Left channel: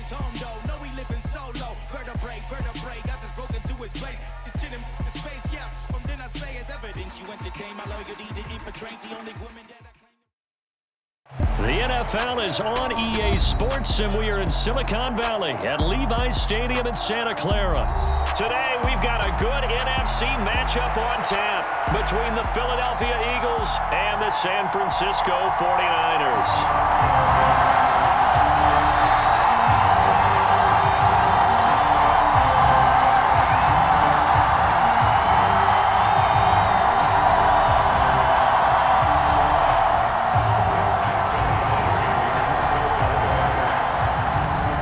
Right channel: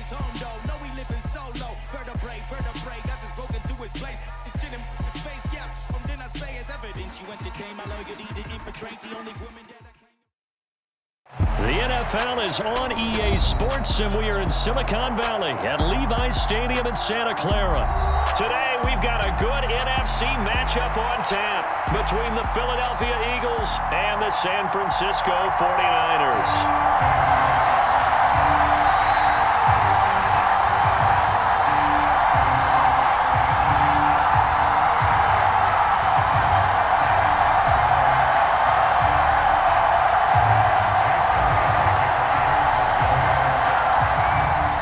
his home though. No, he living solo. Vertebrae, got this broken to his place. His chin in his face, yeah. Then I say it's evidence you entertain my loyalty to infiltrate the only woman that I claim. The NFL is on EA Sports, and we are in Silicon Valley at Levi's Stadium in Santa Clara. Today, we've got a good NFC matchup on tap between the Philadelphia Eagles and the San Francisco 49ers.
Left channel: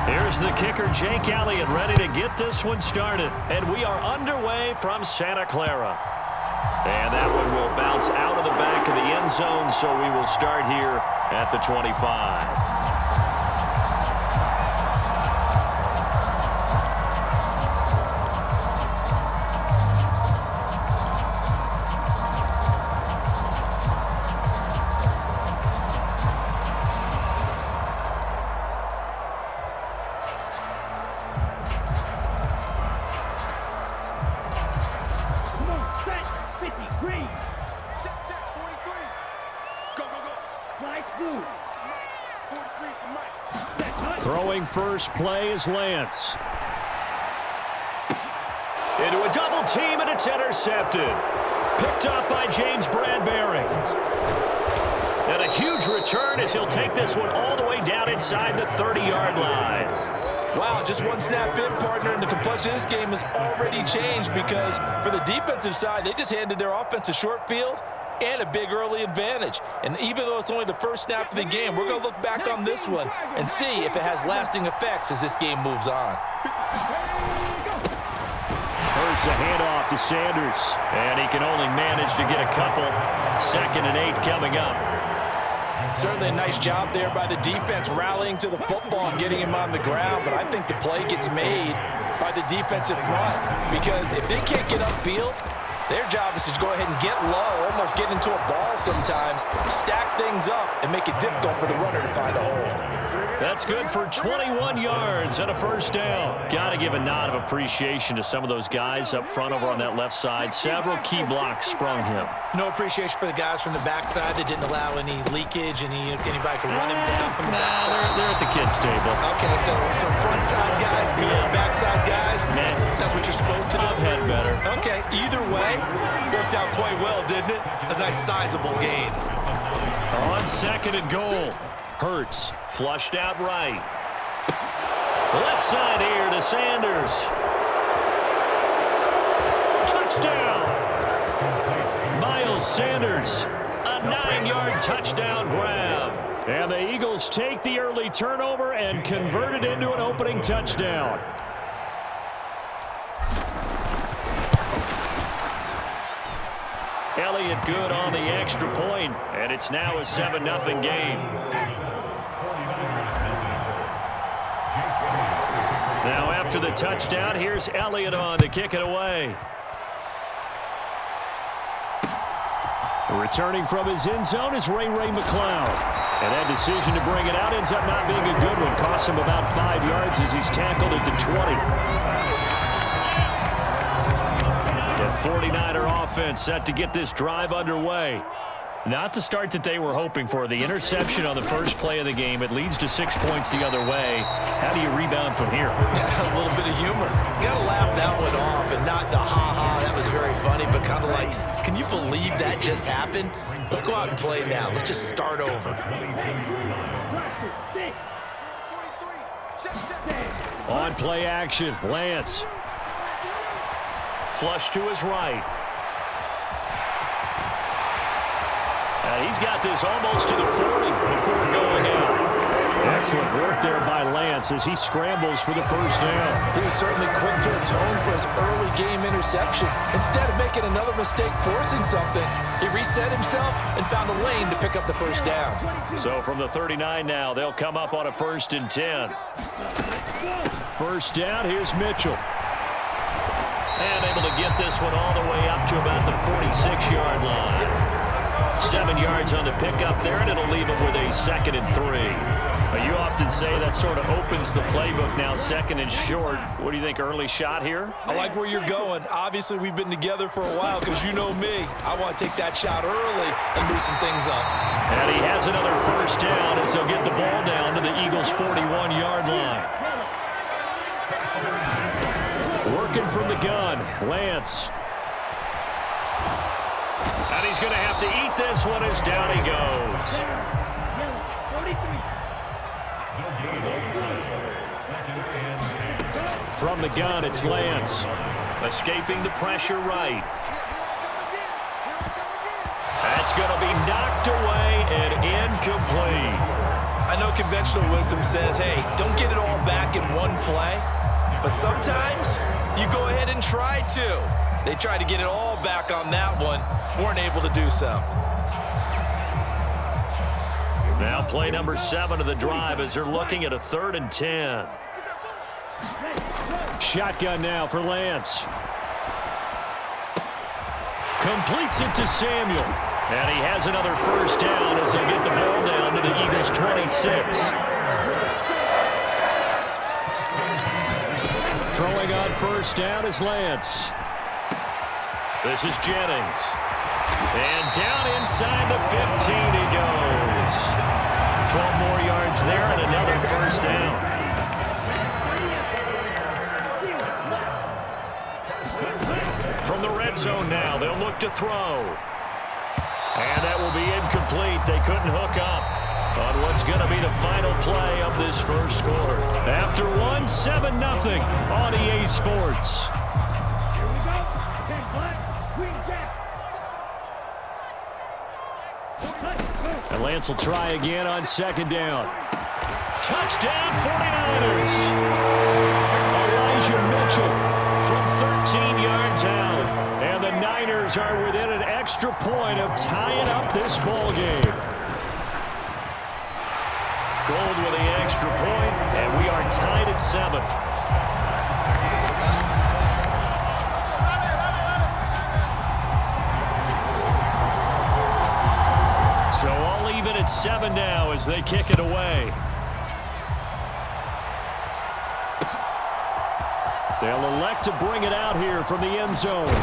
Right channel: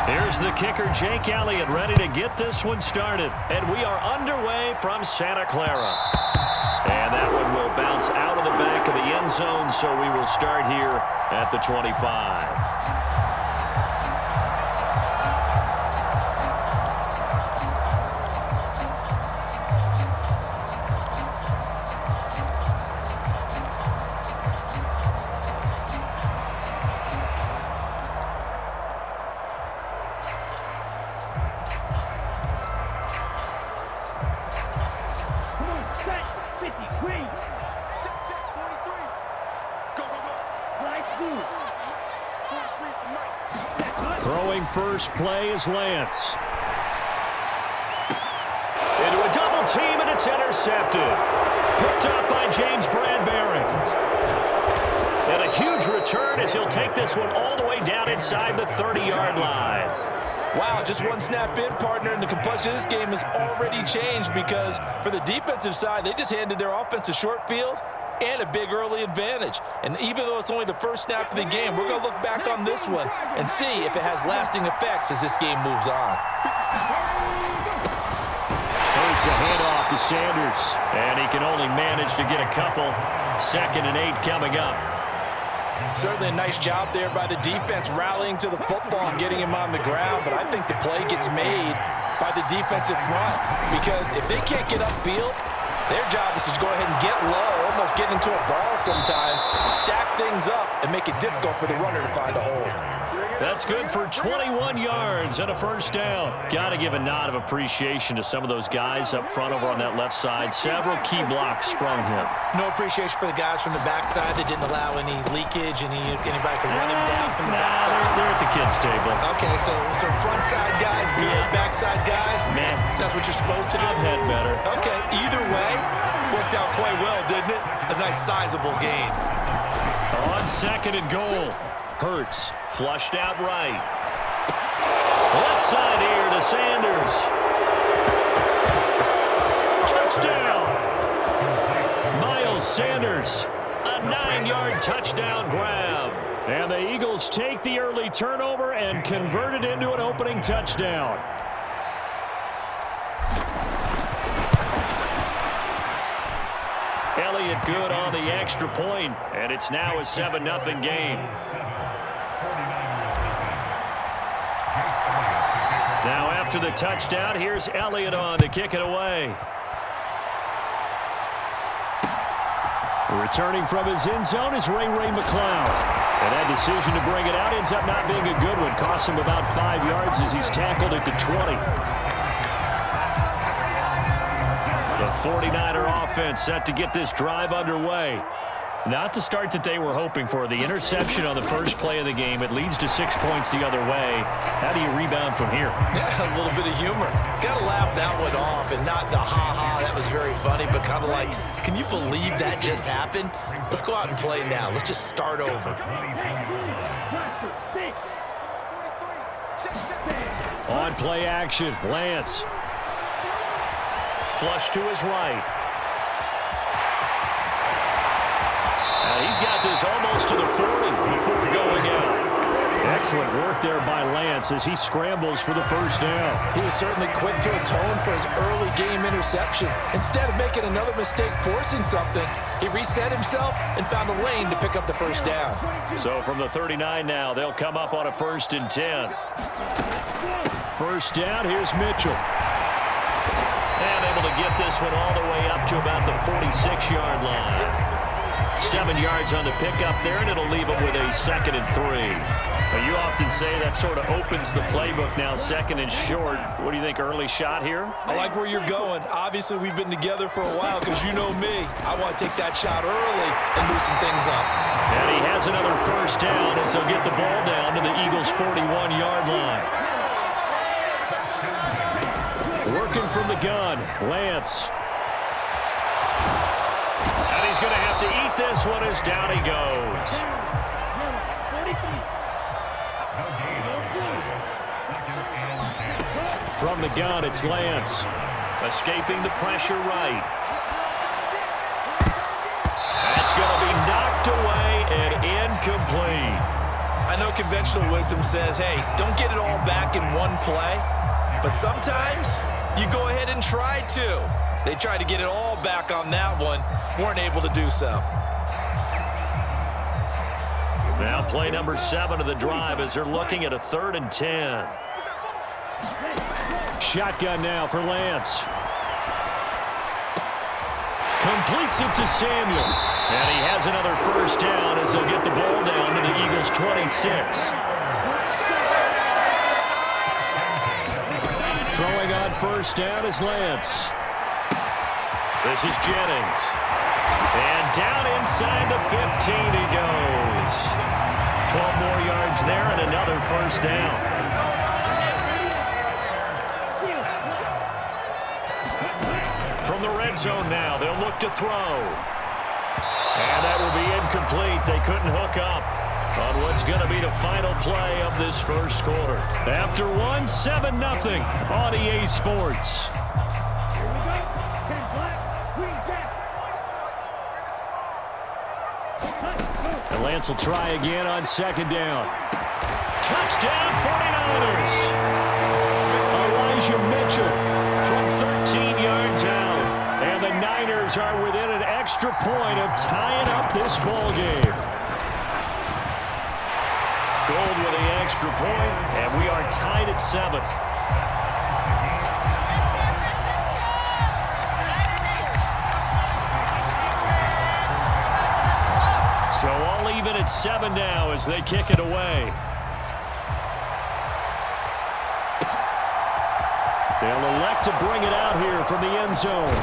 Here's the kicker, Jake Elliott, ready to get this one started. And we are underway from Santa Clara. And that one will bounce out of the back of the end zone, so we will start here at the 25. Throwing first play is Lance. Into a double team, and it's intercepted. Picked up by James Bradbury. And a huge return as he'll take this one all the way down inside the 30-yard line. Wow, just one snap in, partner, and the complexion of this game has already changed because for the defensive side, they just handed their offense a short field and a big early advantage. And even though it's only the first snap of the game, we're going to look back on this one and see if it has lasting effects as this game moves on. Hurts a handoff to Sanders, and he can only manage to get a couple. 2nd and 8 coming up. Certainly a nice job there by the defense rallying to the football and getting him on the ground, but I think the play gets made by the defensive front because if they can't get upfield, their job is to go ahead and get low, almost get into a ball sometimes, stack things up, and make it difficult for the runner to find a hole. That's good for 21 yards and a first down. Got to give a nod of appreciation to some of those guys up front over on that left side. Several key blocks sprung him. No appreciation for the guys from the backside that didn't allow any leakage, anybody could run him down from the backside. They're at the kids' table. Okay, so front side guys good, backside guys, man, that's what you're supposed to do? I've had better. Okay, either way, worked out quite well, didn't it? A nice sizable gain. On 2nd and goal, Hurts flushed out right. Left side here to Sanders. Touchdown! Miles Sanders, a 9-yard touchdown grab. And the Eagles take the early turnover and convert it into an opening touchdown. Elliott good on the extra point, and it's now a 7-0 game. Now after the touchdown, here's Elliott on to kick it away. Returning from his end zone is Ray McCloud. And that decision to bring it out ends up not being a good one. Cost him about 5 yards as he's tackled at the 20. The 49er offense set to get this drive underway. Not the start that they were hoping for. The interception on the first play of the game. It leads to 6 points the other way. How do you rebound from here? Yeah, a little bit of humor. Got to laugh that one off and not the ha-ha, that was very funny, but kind of like, can you believe that just happened? Let's go out and play now. Let's just start over. On play action, Lance. Flush to his right. He's got this almost to the 40 before going out. Excellent work there by Lance as he scrambles for the first down. He was certainly quick to atone for his early game interception. Instead of making another mistake forcing something, he reset himself and found a lane to pick up the first down. So from the 39 now, they'll come up on a 1st and 10. First down, here's Mitchell. And able to get this one all the way up to about the 46-yard line. 7 yards on the pickup there, and it'll leave him with a 2nd and 3. Well, you often say that sort of opens the playbook now, second and short. What do you think, early shot here? I like where you're going. Obviously, we've been together for a while because you know me. I want to take that shot early and loosen things up. And he has another first down as they'll get the ball down to the Eagles' 41-yard line. Working from the gun, Lance. And he's going to have to eat this one as down he goes. From the gun, it's Lance. Escaping the pressure right. That's going to be knocked away and incomplete. I know conventional wisdom says, hey, don't get it all back in one play. But sometimes you go ahead and try to. They tried to get it all back on that one. Weren't able to do so. Now play number 7 of the drive as they're looking at a 3rd and 10. Shotgun now for Lance. Completes it to Samuel. And he has another first down as they'll get the ball down to the Eagles' 26. Throwing on first down is Lance. This is Jennings. And down inside the 15 he goes. 12 more yards there and another first down. From the red zone now, they'll look to throw. And that will be incomplete. They couldn't hook up on what's going to be the final play of this first quarter. After one, 7-0 on EA Sports. Here we go. 10 black, green jack. And Lance will try again on second down. Touchdown, 49ers. Elijah Mitchell from 13 yards out. And the Niners are within an extra point of tying up this ball game. Gold with the extra point, and we are tied at 7. So all even at 7 now as they kick it away. They'll elect to bring it out here from the end zone.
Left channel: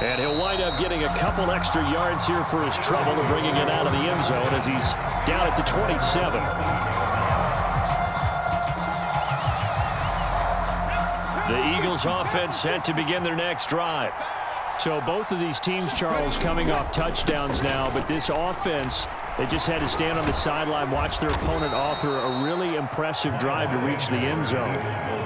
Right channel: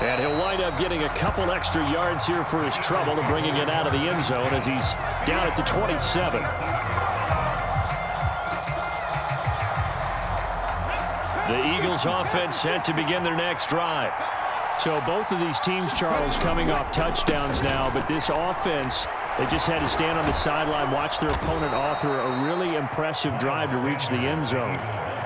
And he'll wind up getting a couple extra yards here for his trouble and bringing it out of the end zone as he's down at the 27. The Eagles offense set to begin their next drive. So both of these teams, Charles, coming off touchdowns now, but this offense, they just had to stand on the sideline, watch their opponent author a really impressive drive to reach the end zone.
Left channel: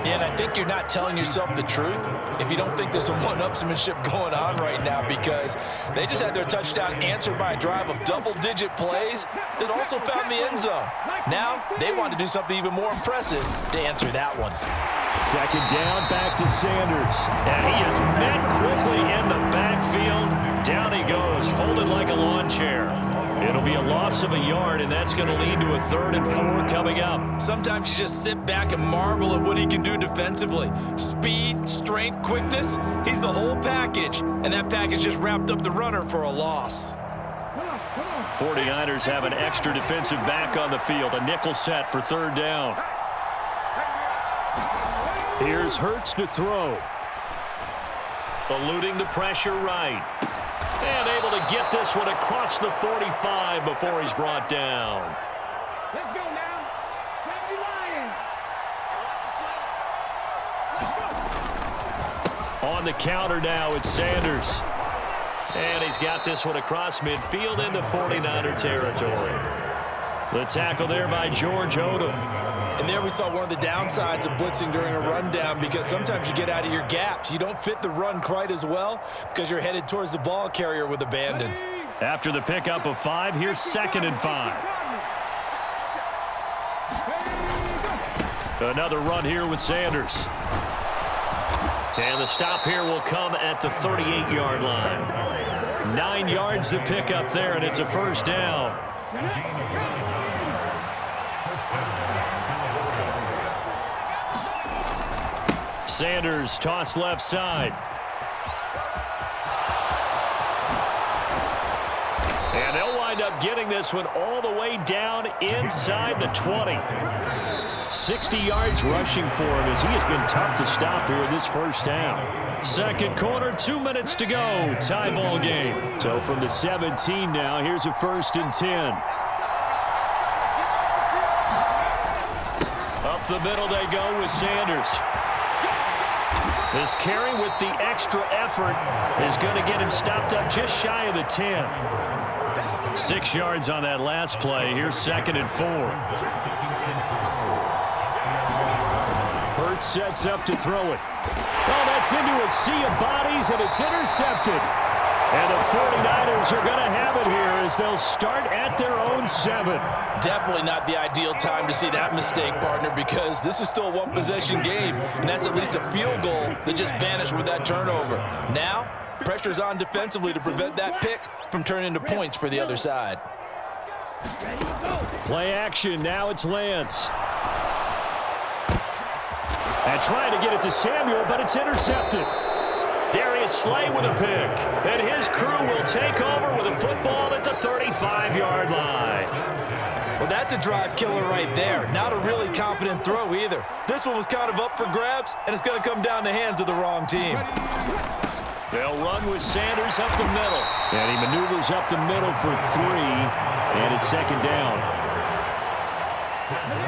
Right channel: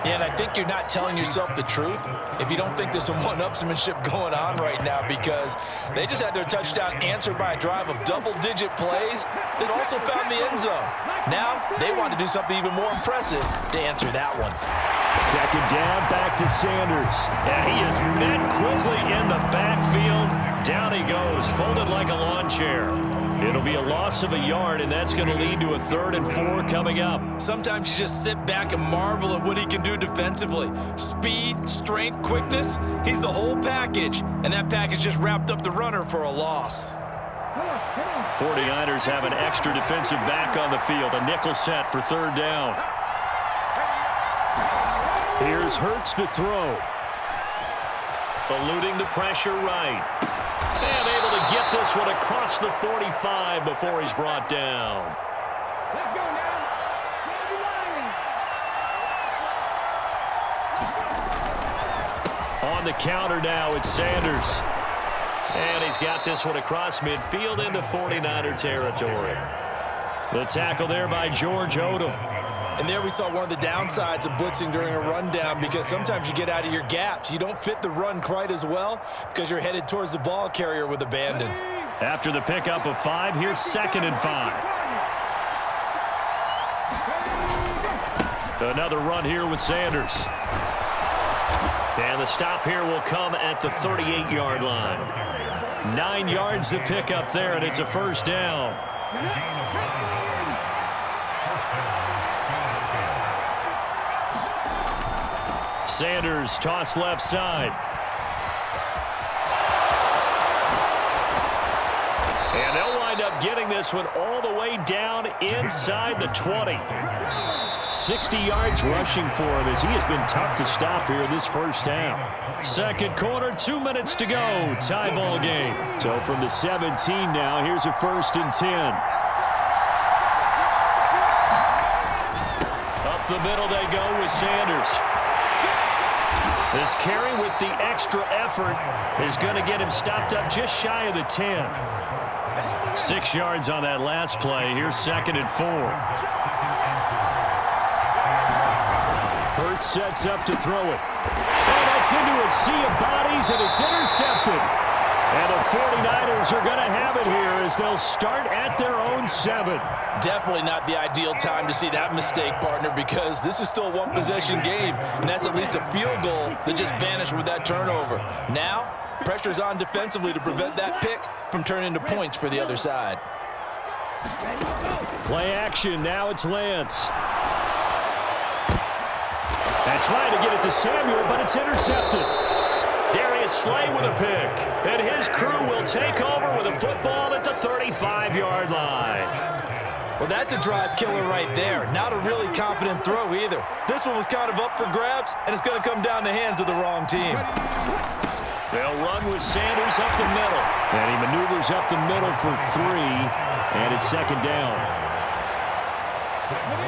Yeah, and I think you're not telling yourself the truth if you don't think there's some one-upsmanship going on right now, because they just had their touchdown answered by a drive of double-digit plays that also found the end zone. Now they want to do something even more impressive to answer that one. Second down, back to Sanders. And he is met quickly in the backfield. Down he goes, folded like a lawn chair. It'll be a loss of a yard, and that's going to lead to a 3rd and 4 coming up. Sometimes you just sit back and marvel at what he can do defensively. Speed, strength, quickness, he's the whole package. And that package just wrapped up the runner for a loss. 49ers have an extra defensive back on the field. A nickel set for 3rd down. Here's Hurts to throw. Eluding the pressure right. And able to get this one across the 45 before he's brought down. Let's go now. Sandy Lions. On the counter now, it's Sanders. And he's got this one across midfield into 49er territory. The tackle there by George Odom. And there we saw one of the downsides of blitzing during a rundown, because sometimes you get out of your gaps. You don't fit the run quite as well because you're headed towards the ball carrier with abandon. After the pickup of 5, here's 2nd and 5. Another run here with Sanders. And the stop here will come at the 38-yard line. 9 yards to pick up there, and it's a first down. Sanders toss left side. And they'll wind up getting this one all the way down inside the 20. 60 yards rushing for him as he has been tough to stop here in this first half. Second quarter, 2 minutes to go. Tie ball game. So from the 17 now, here's a 1st and 10. Up the middle they go with Sanders. This carry with the extra effort is going to get him stopped up just shy of the 10. 6 yards on that last play. Here's 2nd and 4. Hurts sets up to throw it. Oh, that's into a sea of bodies, and it's intercepted. And the 49ers are going to have it here as they'll start at their own 7. Definitely not the ideal time to see that mistake, partner, because this is still a one-possession game, and that's at least a field goal that just vanished with that turnover. Now, pressure's on defensively to prevent that pick from turning into points for the other side. Play action. Now it's Lance. And trying to get it to Samuel, but it's intercepted. Darius Slay with a pick. And his crew will take over with a football at the 35-yard line. Well, that's a drive killer right there. Not a really confident throw either. This one was kind of up for grabs, and it's going to come down the hands of the wrong team. They'll run with Sanders up the middle. And he maneuvers up the middle for 3. And it's 2nd down.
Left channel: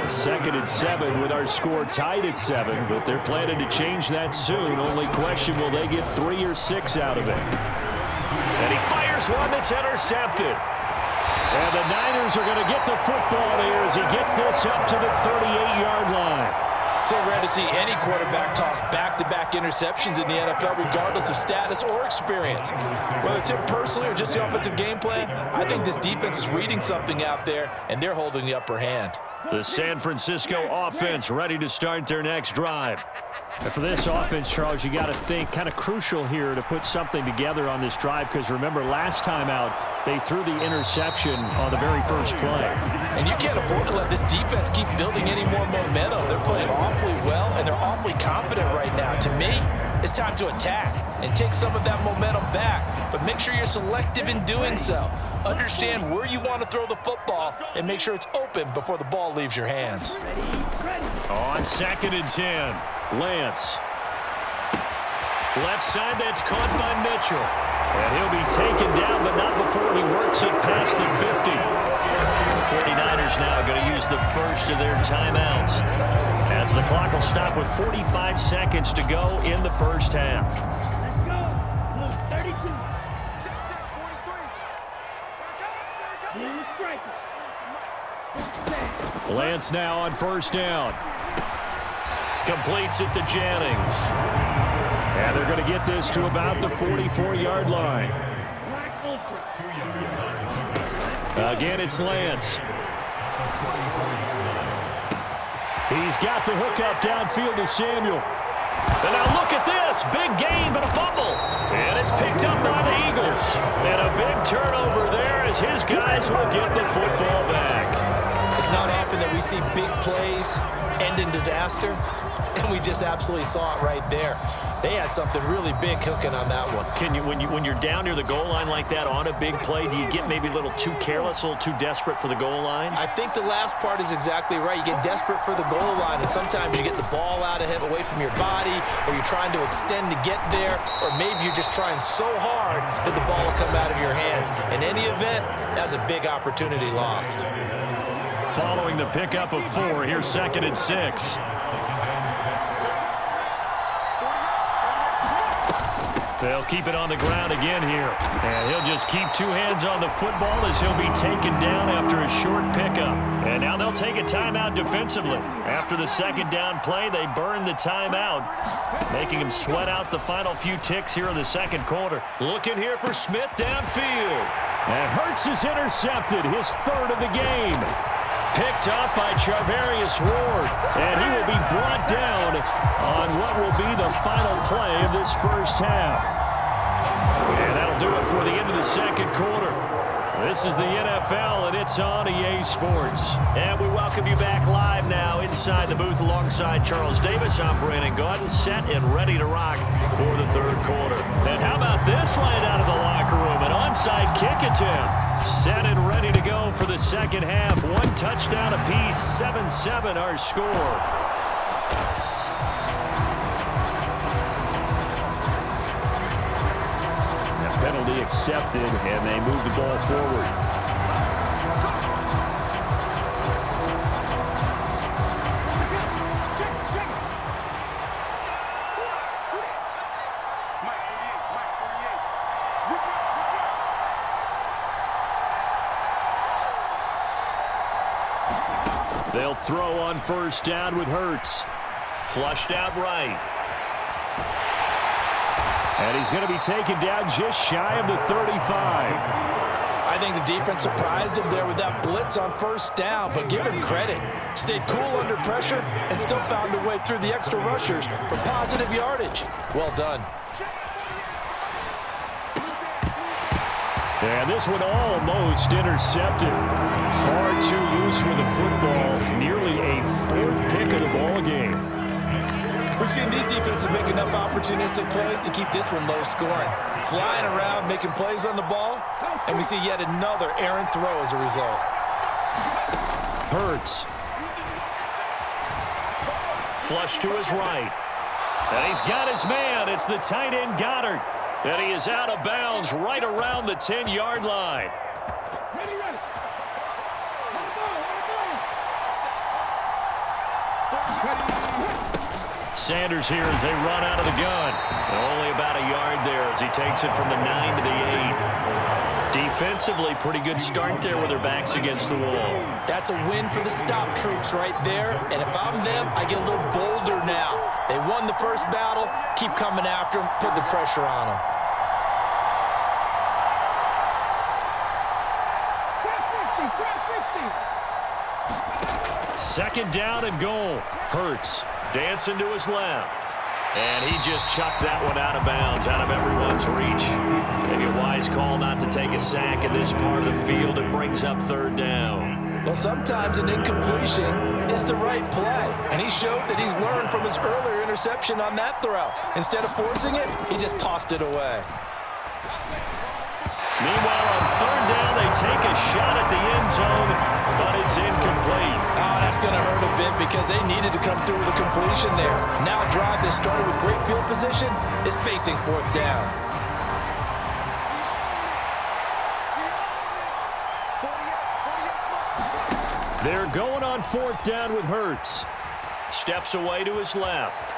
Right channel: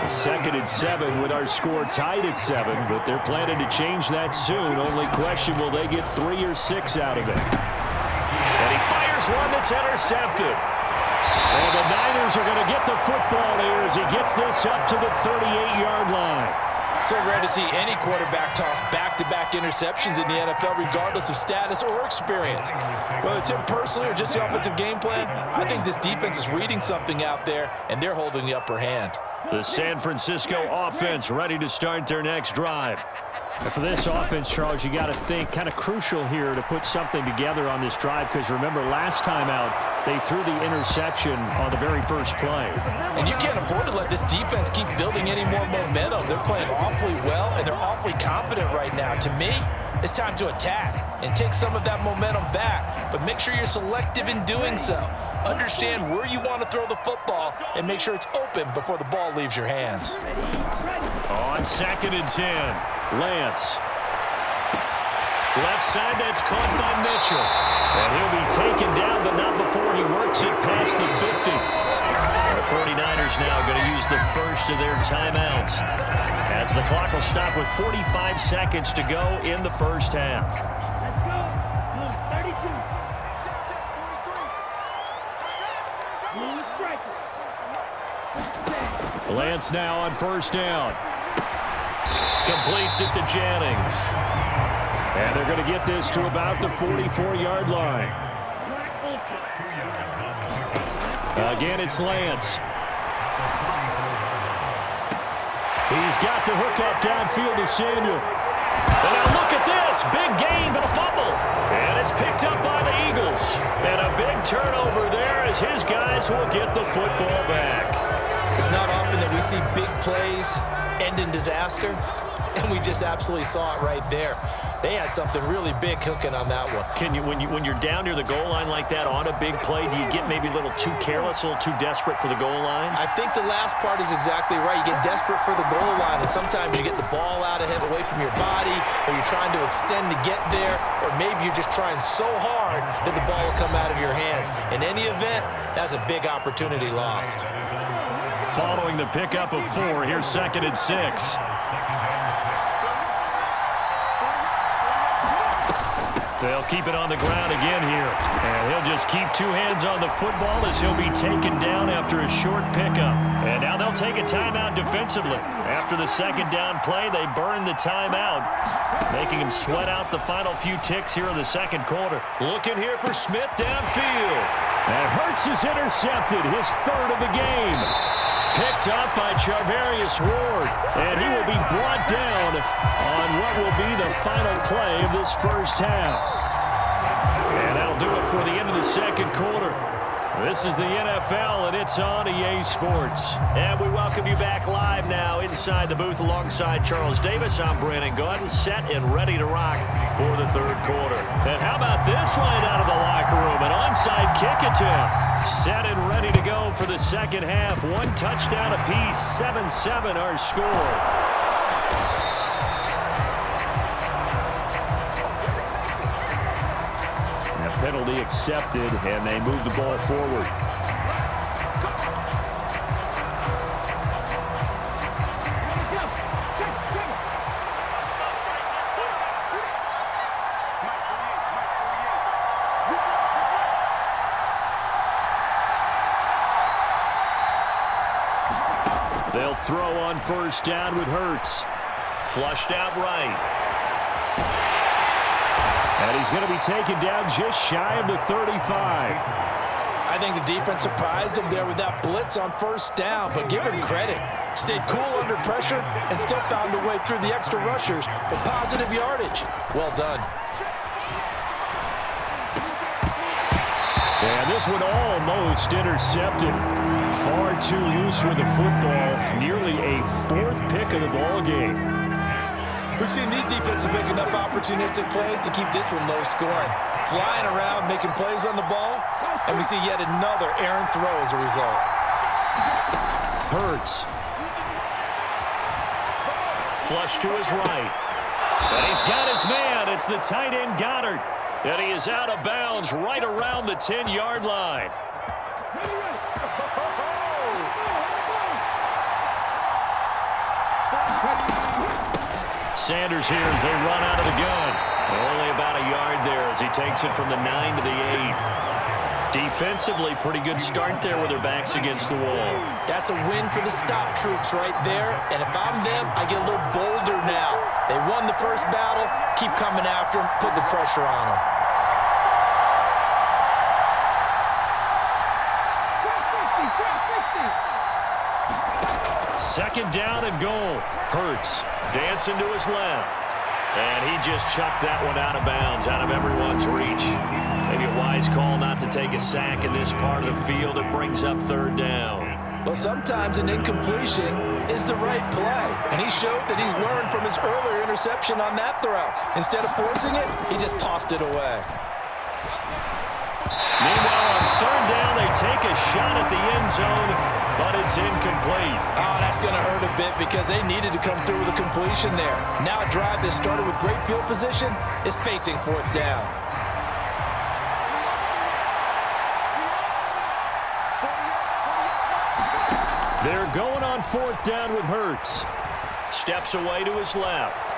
2nd and 7 with our score tied at 7, but they're planning to change that soon. Only question, will they get 3 or 6 out of it? And he fires one that's intercepted. And the Niners are going to get the football here as he gets this up to the 38-yard line. So rare to see any quarterback toss back-to-back interceptions in the NFL, regardless of status or experience. Whether it's him personally or just the offensive game plan, I think this defense is reading something out there, and they're holding the upper hand. The San Francisco offense ready to start their next drive. And for this offense, Charles, you got to think kind of crucial here to put something together on this drive, because remember last time out they threw the interception on the very first play. And you can't afford to let this defense keep building any more momentum. They're playing awfully well, and they're awfully confident right now. To me, it's time to attack and take some of that momentum back, but make sure you're selective in doing so. Understand where you want to throw the football and make sure it's open before the ball leaves your hands. On 2nd and 10, Lance. Left side, that's caught by Mitchell. And he'll be taken down, but not before he works it past the 50. The 49ers now going to use the first of their timeouts, as the clock will stop with 45 seconds to go in the first half. Let's go. Blue 32. Blue striker. Lance now on 1st down. Completes it to Jennings. And they're going to get this to about the 44-yard line. Again, it's Lance. He's got the hook up downfield to Samuel. And now look at this. Big gain, but a fumble. And it's picked up by the Eagles. And a big turnover there as his guys will get the football back. It's not often that we see big plays end in disaster, and we just absolutely saw it right there. They had something really big cooking on that one. Can you, when you're down near the goal line like that on a big play, do you get maybe a little too careless, a little too desperate for the goal line? I think the last part is exactly right. You get desperate for the goal line, and sometimes you get the ball out of him, away from your body, or you're trying to extend to get there, or maybe you're just trying so hard that the ball will come out of your hands. In any event, that's a big opportunity lost. Following the pickup of 4, here's 2nd and 6. They'll keep it on the ground again here. And he'll just keep 2 hands on the football as he'll be taken down after a short pickup. And now they'll take a timeout defensively. After the 2nd down play, they burn the timeout, making him sweat out the final few ticks here in the 2nd quarter. Looking here for Smith downfield. And Hurts is intercepted, his 3rd of the game. Picked up by Charvarius Ward, and he will be brought down on what will be the final play of this first half. And that'll do it for the end of the 2nd quarter. This is the NFL, and it's on EA Sports. And we welcome you back live now inside the booth alongside Charles Davis. I'm Brandon Gaudin, set and ready to rock for the third quarter. And how about this right out of the locker room? An onside kick attempt. Set and ready to go for the second half. One touchdown apiece, 7-7 our score. Penalty accepted, and they move the ball forward. They'll throw on first down with Hurts. Flushed out right. And he's going to be taken down just shy of the 35. I think the defense surprised him there with that blitz on first down, but give him credit. Stayed cool under pressure and still found a way through the extra rushers for positive yardage. Well done. And this one almost intercepted. Far too loose with the football. Nearly a fourth pick of the ball game. We've seen these defenses make enough opportunistic plays to keep this one low scoring. Flying around, making plays on the ball, and we see yet another errant throw as a result. Hurts. Flush to his right. And he's got his man. It's the tight end Goddard. And he is out of bounds right around the 10-yard line. Ready. Sanders here as they run out of the gun. And only about a yard there as he takes it from the 9 to the 8. Defensively, pretty good start there with their backs against the wall. That's a win for the stop troops right there. And if I'm them, I get a little bolder now. They won the first battle. Keep coming after them. Put the pressure on them. Trap 60. Second down and goal. Hurts dancing to his left. And he just chucked that one out of bounds, out of everyone's reach. Maybe a wise call not to take a sack in this part of the field. It brings up third down. Well, sometimes an incompletion is the right play. And he showed that he's learned from his earlier interception on that throw. Instead of forcing it, he just tossed it away. Meanwhile, on third down, they take a shot at the end zone, but it's incomplete. Oh, that's going to hurt a bit because they needed to come through with a completion there. Now a drive that started with great field position is facing fourth down. They're going on fourth down with Hurts. Steps away to his left.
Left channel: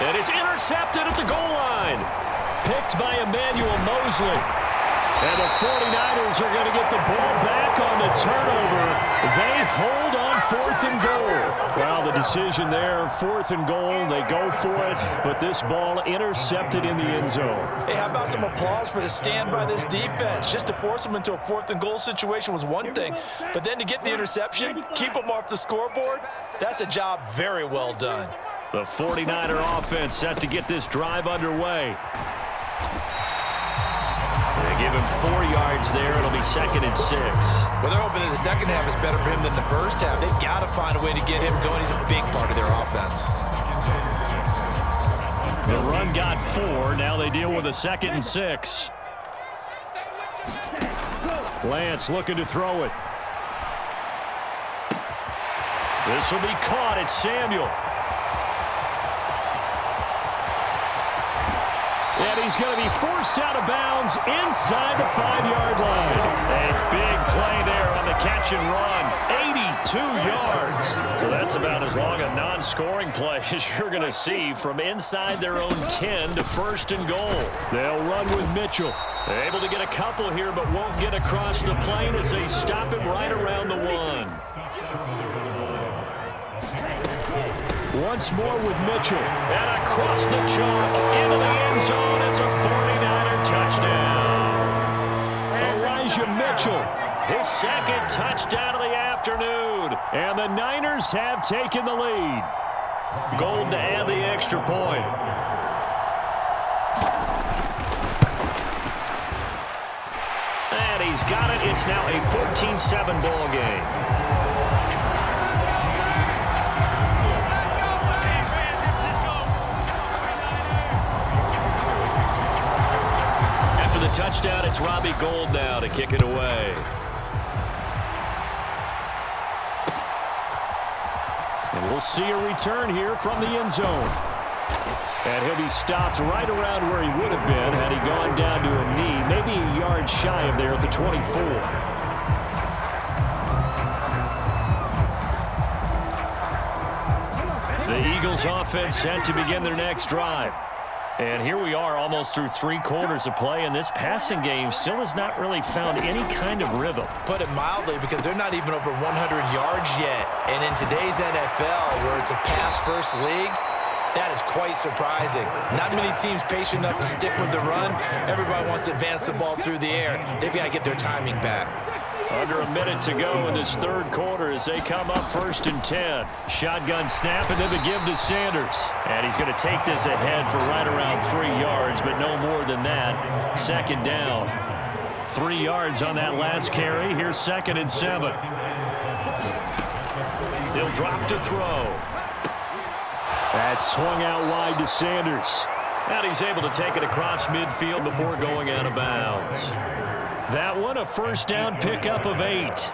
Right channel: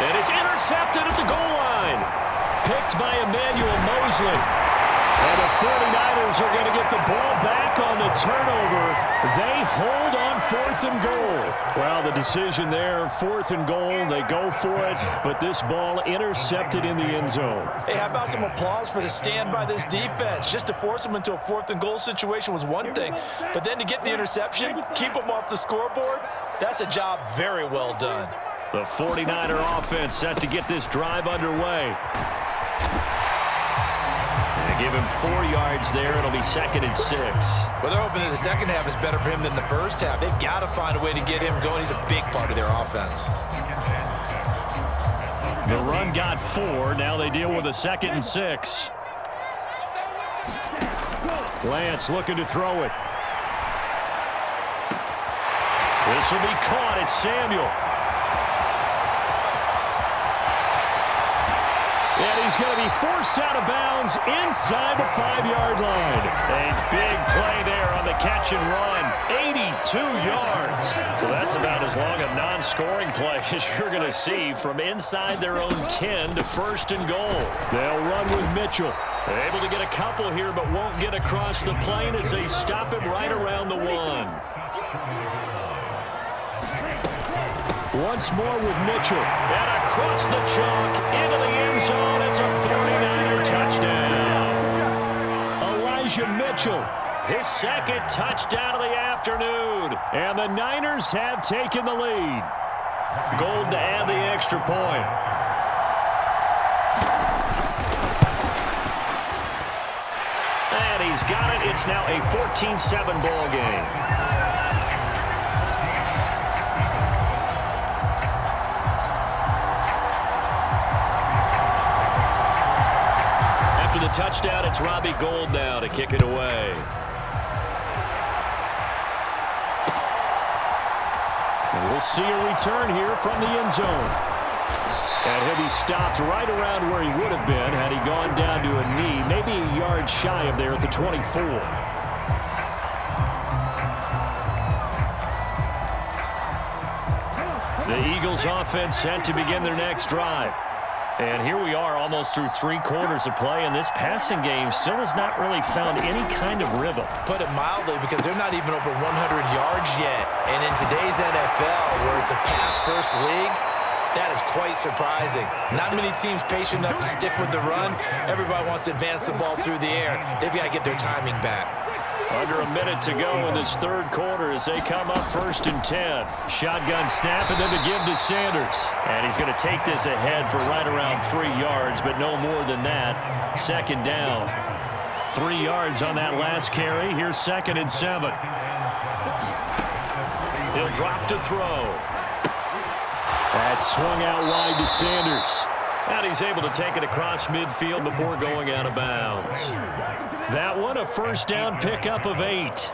And it's intercepted at the goal line. Picked by Emmanuel Mosley. And the 49ers are going to get the ball back on the turnover. They hold on fourth and goal. Well, the decision there, fourth and goal. They go for it, but this ball intercepted in the end zone. Hey, how about some applause for the stand by this defense? Just to force them into a fourth and goal situation was one thing, but then to get the interception, keep them off the scoreboard, that's a job very well done. The 49er offense set to get this drive underway. They give him 4 yards there. It'll be 2nd and 6. Well, they're hoping that the second half is better for him than the first half. They've got to find a way to get him going. He's a big part of their offense. The run got 4. Now they deal with a 2nd and 6. Lance looking to throw it. This will be caught. It's Samuel. And he's going to be forced out of bounds inside the 5-yard line. A big play there on the catch and run. 82 yards. So that's about as long a non-scoring play as you're going to see from inside their own 10 to 1st and goal. They'll run with Mitchell. They're able to get a couple here, but won't get across the plane as they stop him right around the 1. Once more with Mitchell. And across the chalk into the end zone. It's a 49er touchdown. Elijah Mitchell, his 2nd touchdown of the afternoon. And the Niners have taken the lead. Gold to add the extra point. he's got it. It's now a 14-7 ball game. After the touchdown, it's Robbie Gould now to kick it away. And we'll see a return here from the end zone. And he'll be stopped right around where he would have been had he gone down to a knee, maybe a yard shy of there at the 24. The Eagles offense set to begin their next drive. And here we are almost through 3 quarters of play, and this passing game still has not really found any kind of rhythm. Put it mildly, because they're not even over 100 yards yet. And in today's NFL, where it's a pass-first league, that is quite surprising. Not many teams patient enough to stick with the run. Everybody wants to advance the ball through the air. They've got to get their timing back. Under a minute to go in this third quarter as they come up 1st and 10. Shotgun snap and then the give to Sanders. And he's going to take this ahead for right around 3 yards, but no more than that. 2nd down. 3 yards on that last carry. Here's 2nd and 7. He'll drop to throw. That's swung out wide to Sanders. And he's able to take it across midfield before going out of bounds. That one, a 1st down pickup of 8.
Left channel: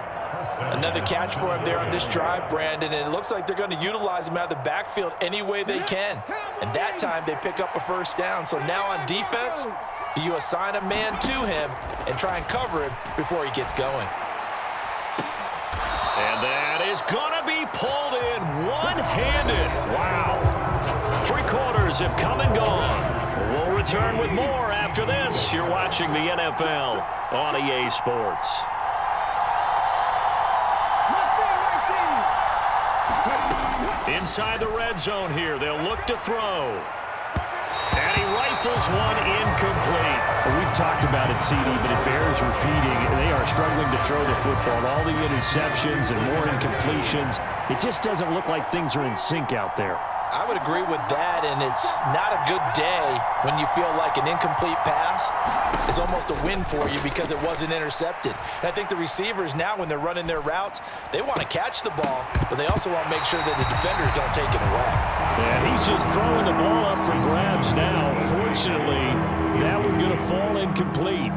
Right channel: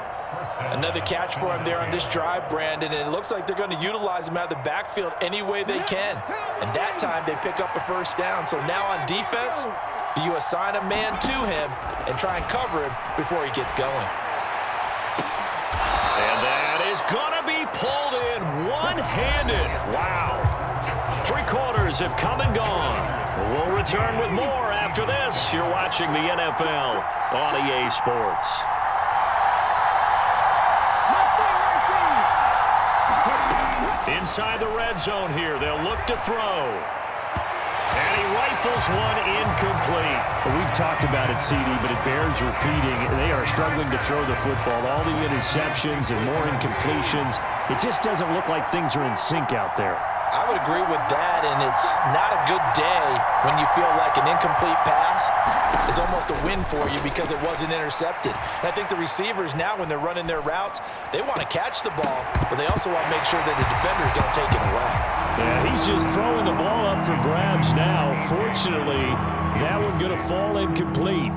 Another catch for him there on this drive, Brandon, and it looks like they're going to utilize him out of the backfield any way they can. And that time they pick up a 1st down. So now on defense, do you assign a man to him and try and cover him before he gets going? And that is going to be pulled in one-handed. Wow. 3 quarters have come and gone. We'll return with more after this. You're watching the NFL on EA Sports. Inside the red zone here. They'll look to throw. And he rifles one incomplete. Well, we've talked about it, CD, but it bears repeating. They are struggling to throw the football. All the interceptions and more incompletions. It just doesn't look like things are in sync out there. I would agree with that, and it's not a good day when you feel like an incomplete pass is almost a win for you because it wasn't intercepted. And I think the receivers now, when they're running their routes, they want to catch the ball, but they also want to make sure that the defenders don't take it away. Yeah, he's just throwing the ball up for grabs now. Fortunately, that one going to fall incomplete.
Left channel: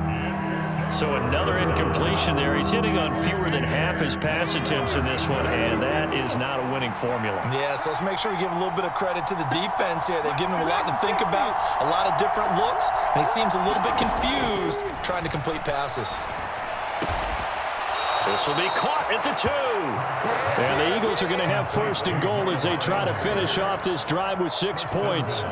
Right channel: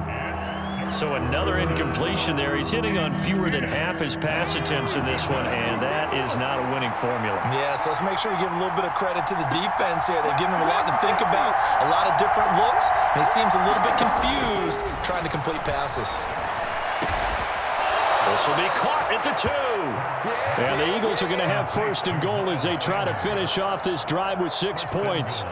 So another incompletion there. He's hitting on fewer than half his pass attempts in this one, and that is not a winning formula. Yeah, so let's make sure we give a little bit of credit to the defense here. They've given him a lot to think about, a lot of different looks, and he seems a little bit confused trying to complete passes. This will be caught at the 2. And the Eagles are going to have 1st and goal as they try to finish off this drive with 6 points.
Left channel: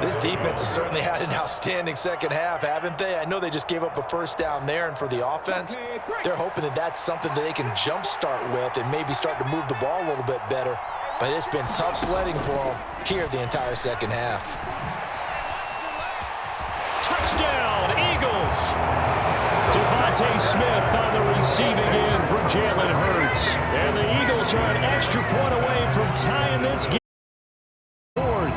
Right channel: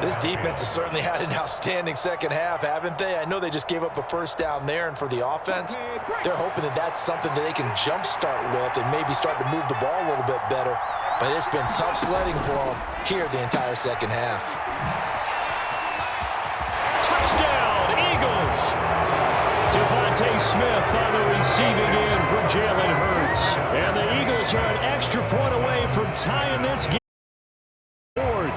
This defense has certainly had an outstanding second half, haven't they? I know they just gave up a 1st down there, and for the offense, they're hoping that that's something that they can jumpstart with and maybe start to move the ball a little bit better. But it's been tough sledding for them here the entire second half. Touchdown, Eagles! Devontae Smith on the receiving end for Jalen Hurts. And the Eagles are an extra point away from tying this game. 4th.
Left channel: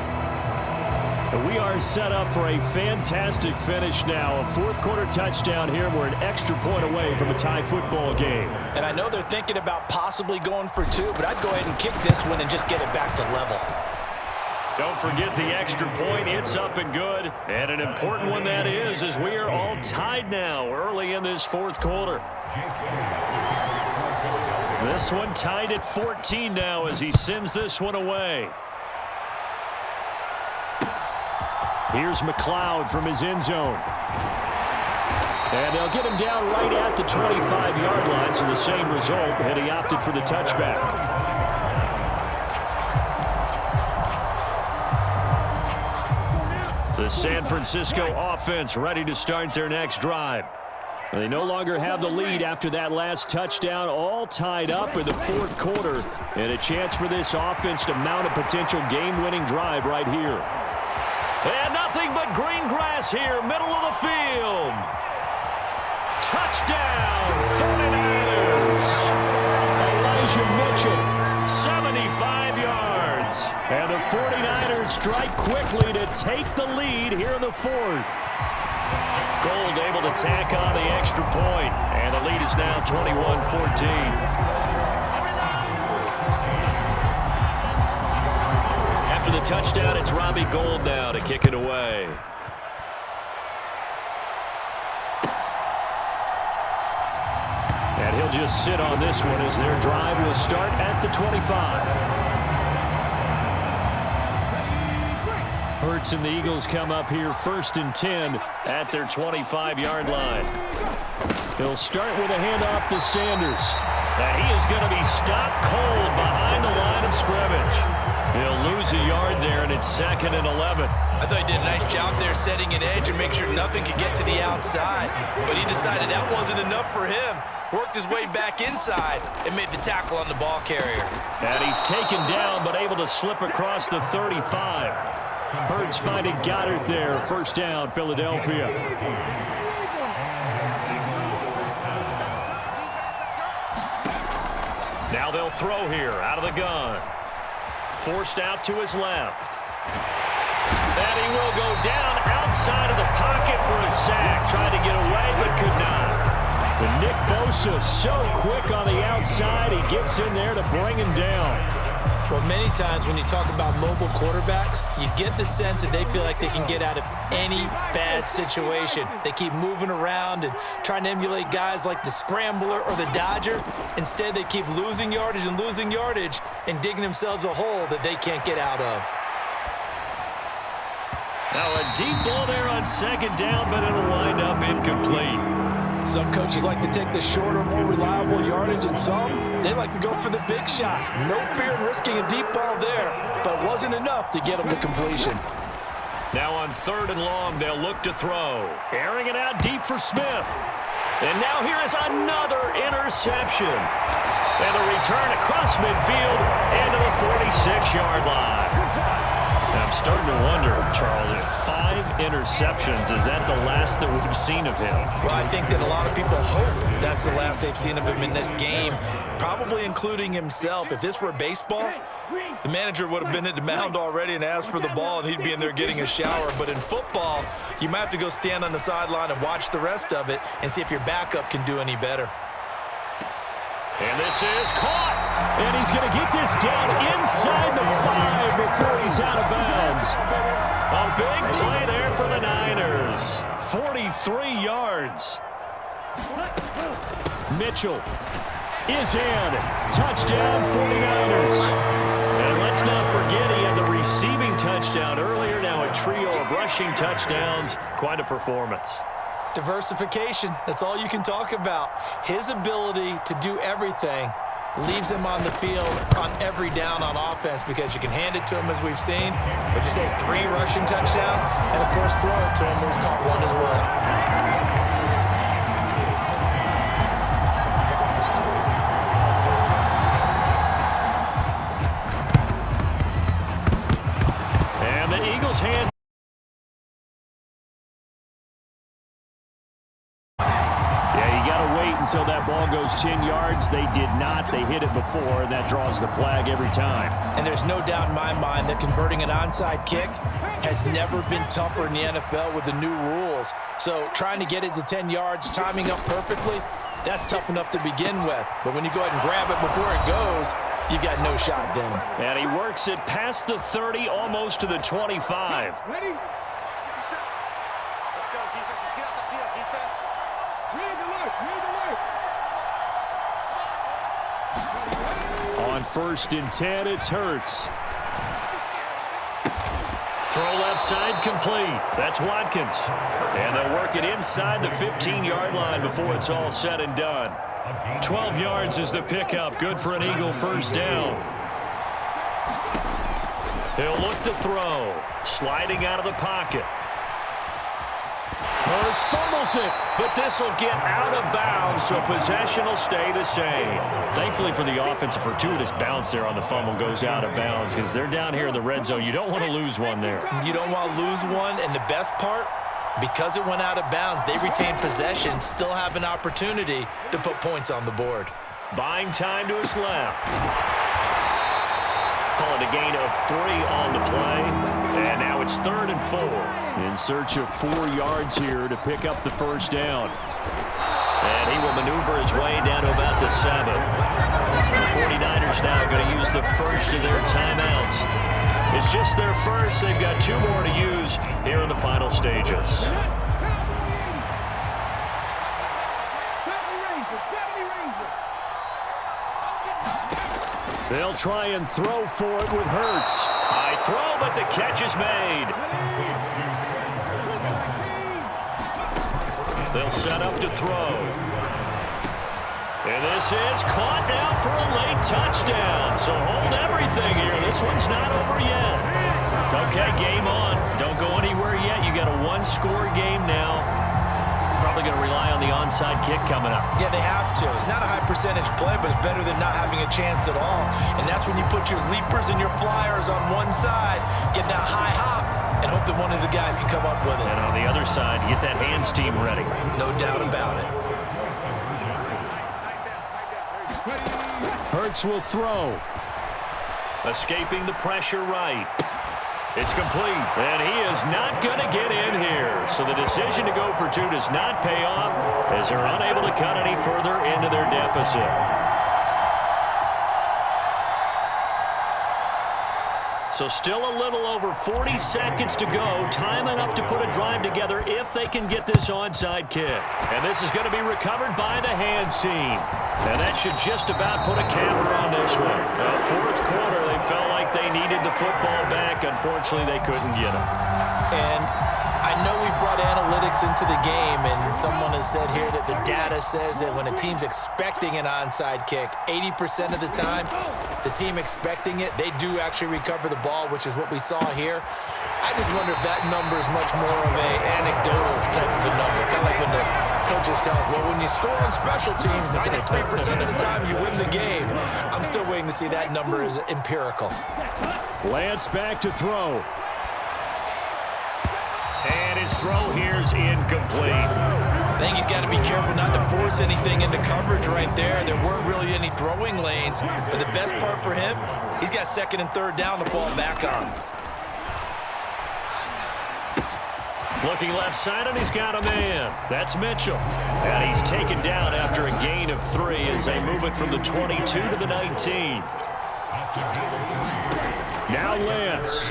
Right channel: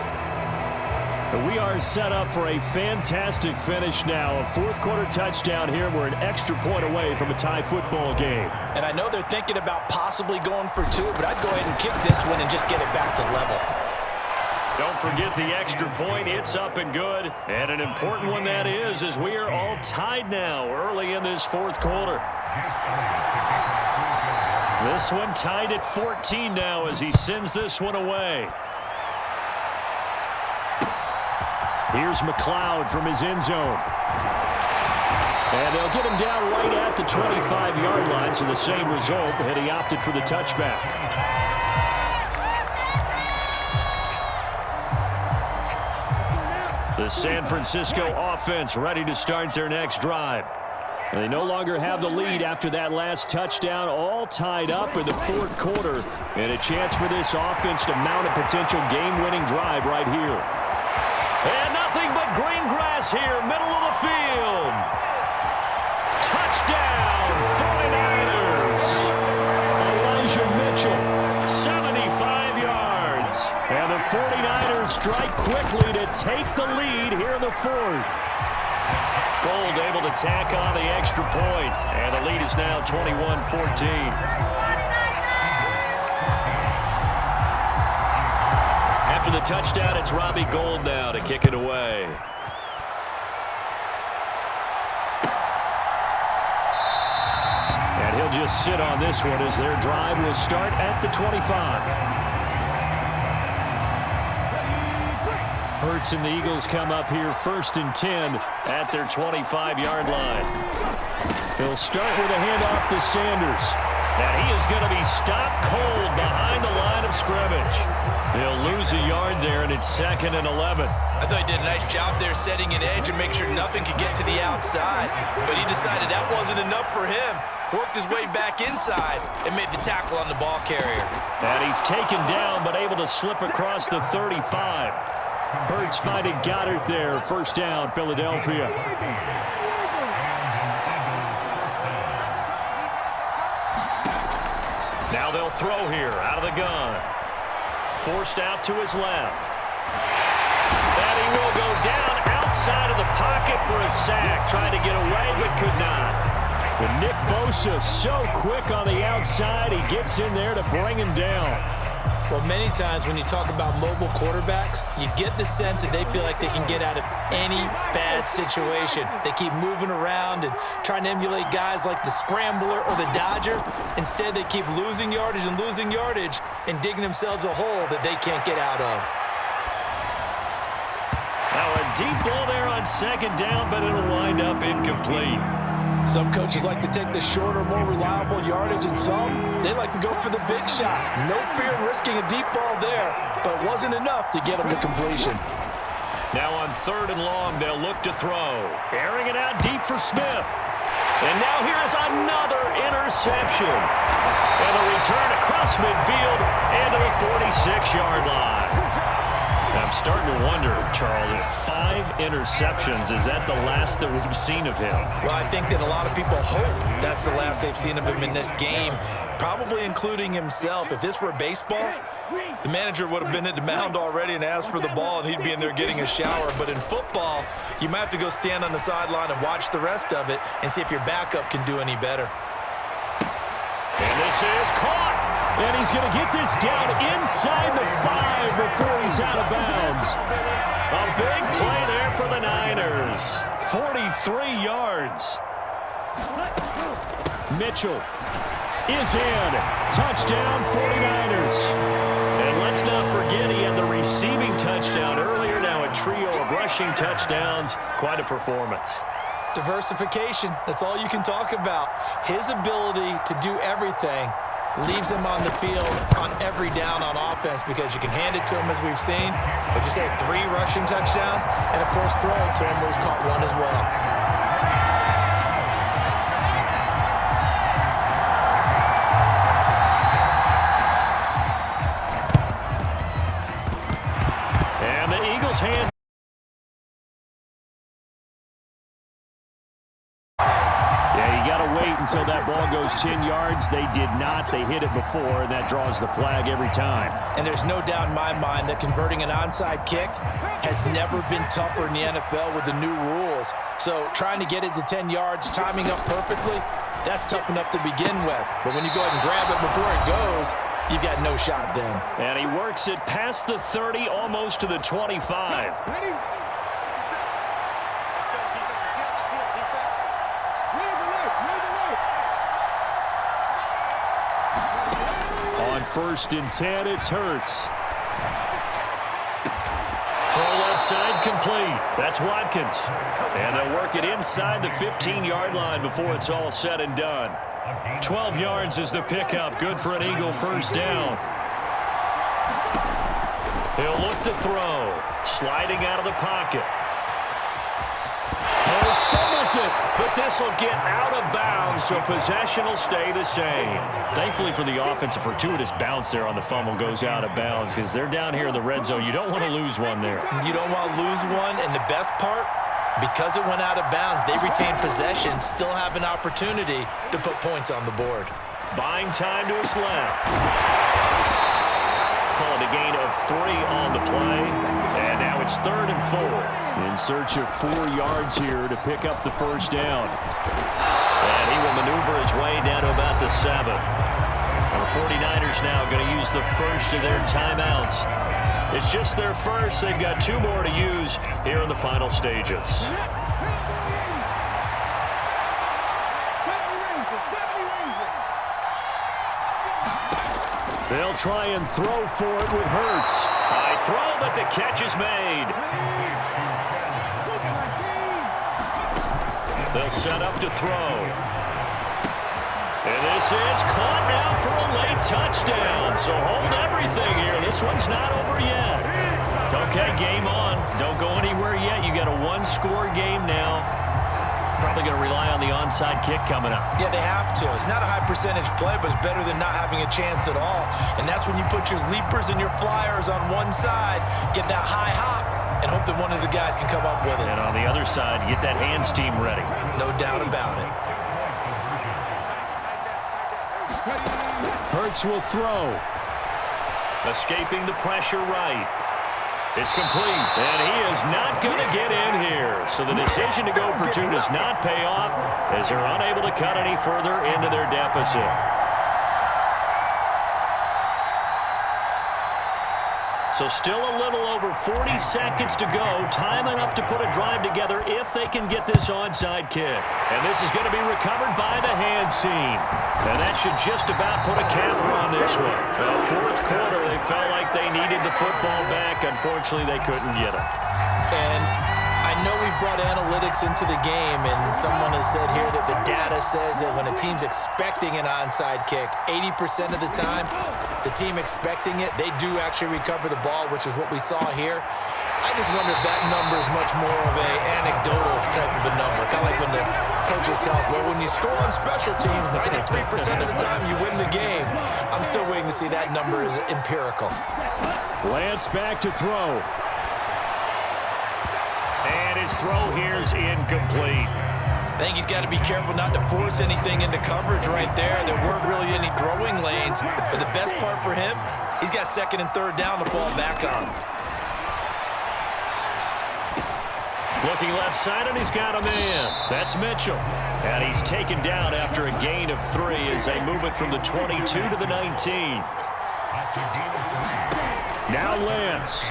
And we are set up for a fantastic finish now. A 4th quarter touchdown here. We're an extra point away from a tie football game. And I know they're thinking about possibly going for 2, but I'd go ahead and kick this one and just get it back to level. Don't forget the extra point. It's up and good. And an important one that is, as we are all tied now early in this 4th quarter. This one tied at 14 now as he sends this one away. Here's McLeod from his end zone. And they'll get him down right at the 25-yard line, so the same result, and he opted for the touchback. The San Francisco offense ready to start their next drive. They no longer have the lead after that last touchdown, all tied up in the 4th quarter, and a chance for this offense to mount a potential game-winning drive right here. And nothing but green grass here, middle of the field. Touchdown, 49ers. Elijah Mitchell, 75 yards. and the 49ers strike quickly to take the lead here in the 4th. Gold able to tack on the extra point, and the lead is now 21-14. After the touchdown, it's Robbie Gold now to kick it away. And he'll just sit on this one as their drive will start at the 25. Hurts and the Eagles come up here 1st and 10 at their 25-yard line. He'll start with a handoff to Sanders. And he is going to be stopped cold behind the line of scrimmage. He'll lose a yard there, and it's 2nd and 11. I thought he did a nice job there setting an edge and make sure nothing could get to the outside. But he decided that wasn't enough for him. Worked his way back inside and made the tackle on the ball carrier. And he's taken down but able to slip across the 35. Hurts finding Goddard there. 1st down, Philadelphia. Now they'll throw here out of the gun. Forced out to his left. And he will go down outside of the pocket for a sack. Tried to get away but could not. But Nick Bosa so quick on the outside. He gets in there to bring him down. Well, many times when you talk about mobile quarterbacks, you get the sense that they feel like they can get out of any bad situation. They keep moving around and trying to emulate guys like the Scrambler or the Dodger. Instead, they keep losing yardage and digging themselves a hole that they can't get out of. Now a deep ball there on 2nd down, but it'll wind up incomplete. Some coaches like to take the shorter, more reliable yardage, and some, they like to go for the big shot. No fear in risking a deep ball there, but it wasn't enough to get them to completion. Now on 3rd and long, they'll look to throw. Airing it out deep for Smith. And now here is another interception. And a return across midfield and to the 46-yard line. I'm starting to wonder, Charles, if 5 interceptions, is that the last that we've seen of him? Well, I think that a lot of people hope that's the last they've seen of him in this game, probably including himself. If this were baseball, the manager would have been at the mound already and asked for the ball, and he'd be in there getting a shower. But in football, you might have to go stand on the sideline and watch the rest of it and see if your backup can do any better. And this is caught. And he's going to get this down inside the 5 before he's out of bounds. A big play there for the Niners. 43 yards. Mitchell is in. Touchdown, 49ers. And let's not forget he had the receiving touchdown earlier. Now a trio of rushing touchdowns. Quite a performance. Diversification, that's all you can talk about. His ability to do everything leaves him on the field on every down on offense because you can hand it to him as we've seen, but you say 3 rushing touchdowns, and of course throw it to him where he's caught 1 as well. And the Eagles hand. Yeah, you got to wait until that ball goes 10 yards. They did not. They hit it before, and that draws the flag every time. And there's no doubt in my mind that converting an onside kick has never been tougher in the NFL with the new rules. So trying to get it to 10 yards, timing up perfectly, that's tough enough to begin with. But when you go ahead and grab it before it goes, you've got no shot then. And he works it past the 30, almost to the 25. Ready? Let's go, defense. Let's get out the field, defense. Read the look. On 1st and 10, it's Hurts. Throw left side complete. That's Watkins. And they'll work it inside the 15-yard line before it's all said and done. 12 yards is the pickup. Good for an Eagle 1st down. He'll look to throw. Sliding out of the pocket. Hurts fumbles it. But this will get out of bounds, so possession will stay the same. Thankfully for the offense, a fortuitous bounce there on the fumble goes out of bounds because they're down here in the red zone. You don't want to lose one there. You don't want to lose one, and the best part, because it went out of bounds, they retain possession, still have an opportunity to put points on the board. Buying time to his left. Call it a gain of 3 on the play. And now it's 3rd and 4. In search of 4 yards here to pick up the first down. And he will maneuver his way down to about the 7. The 49ers now going to use the first of their timeouts. It's just their first. They've got 2 more to use here in the final stages. They'll try and throw for it with Hurts. High throw, but the catch is made. They'll set up to throw. And this is caught now for a late touchdown. So hold everything here. This one's not over yet. Okay, game on. Don't go anywhere yet. You got a 1-score game now. Probably going to rely on the onside kick coming up. Yeah, they have to. It's not a high percentage play, but it's better than not having a chance at all. And that's when you put your leapers and your flyers on one side, get that high hop, and hope that one of the guys can come up with it. And on the other side, get that hands team ready. No doubt about it. Hurts will throw. Escaping the pressure right. It's complete, and he is not going to get in here. So the decision to go for 2 does not pay off as they're unable to cut any further into their deficit. So still a little over 40 seconds to go. Time enough to put a drive together if they can get this onside kick. And this is going to be recovered by the hands team. And that should just about put a camera on this one. Fourth quarter, they felt like they needed the football back. Unfortunately, they couldn't get it. And I know we brought analytics into the game, and someone has said here that the data says that when a team's expecting an onside kick, 80% of the time, the team expecting it, they do actually recover the ball, which is what we saw here. I just wonder if that number is much more of a anecdotal type of a number. Kind of like when the coaches tell us, well, when you score on special teams, 93% of the time you win the game. I'm still waiting to see that number is empirical. Lance back to throw. And his throw here's incomplete. I think he's got to be careful not to force anything into coverage right there. There weren't really any throwing lanes, but the best part for him, he's got 2nd and 3rd down to fall back on. Looking left side, and he's got a man. That's Mitchell. And he's taken down after a gain of 3 as they move it from the 22 to the 19. Now Lance.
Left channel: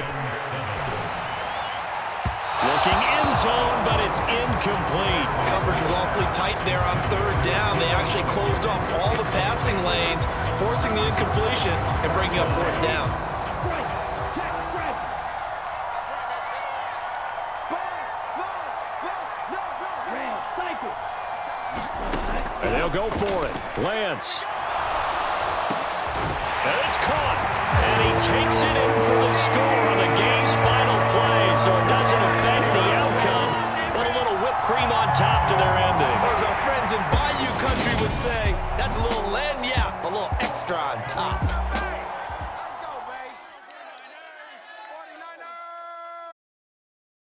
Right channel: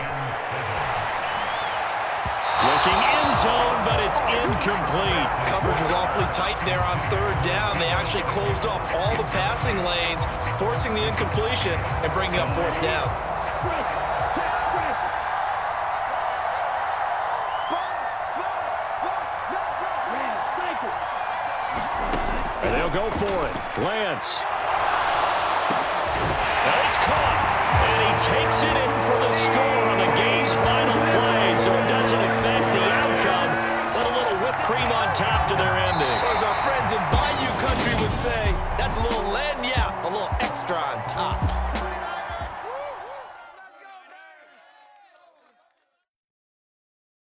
Looking end zone, but it's incomplete. Coverage was awfully tight there on 3rd down. They actually closed off all the passing lanes, forcing the incompletion and bringing up 4th down. And they'll go for it. Lance. And it's caught. And he takes it in for the score on the game's final play. So it doesn't affect the outcome, but a little whipped cream on top to their ending. Or as our friends in Bayou Country would say, that's a little lagniappe, a little extra on top.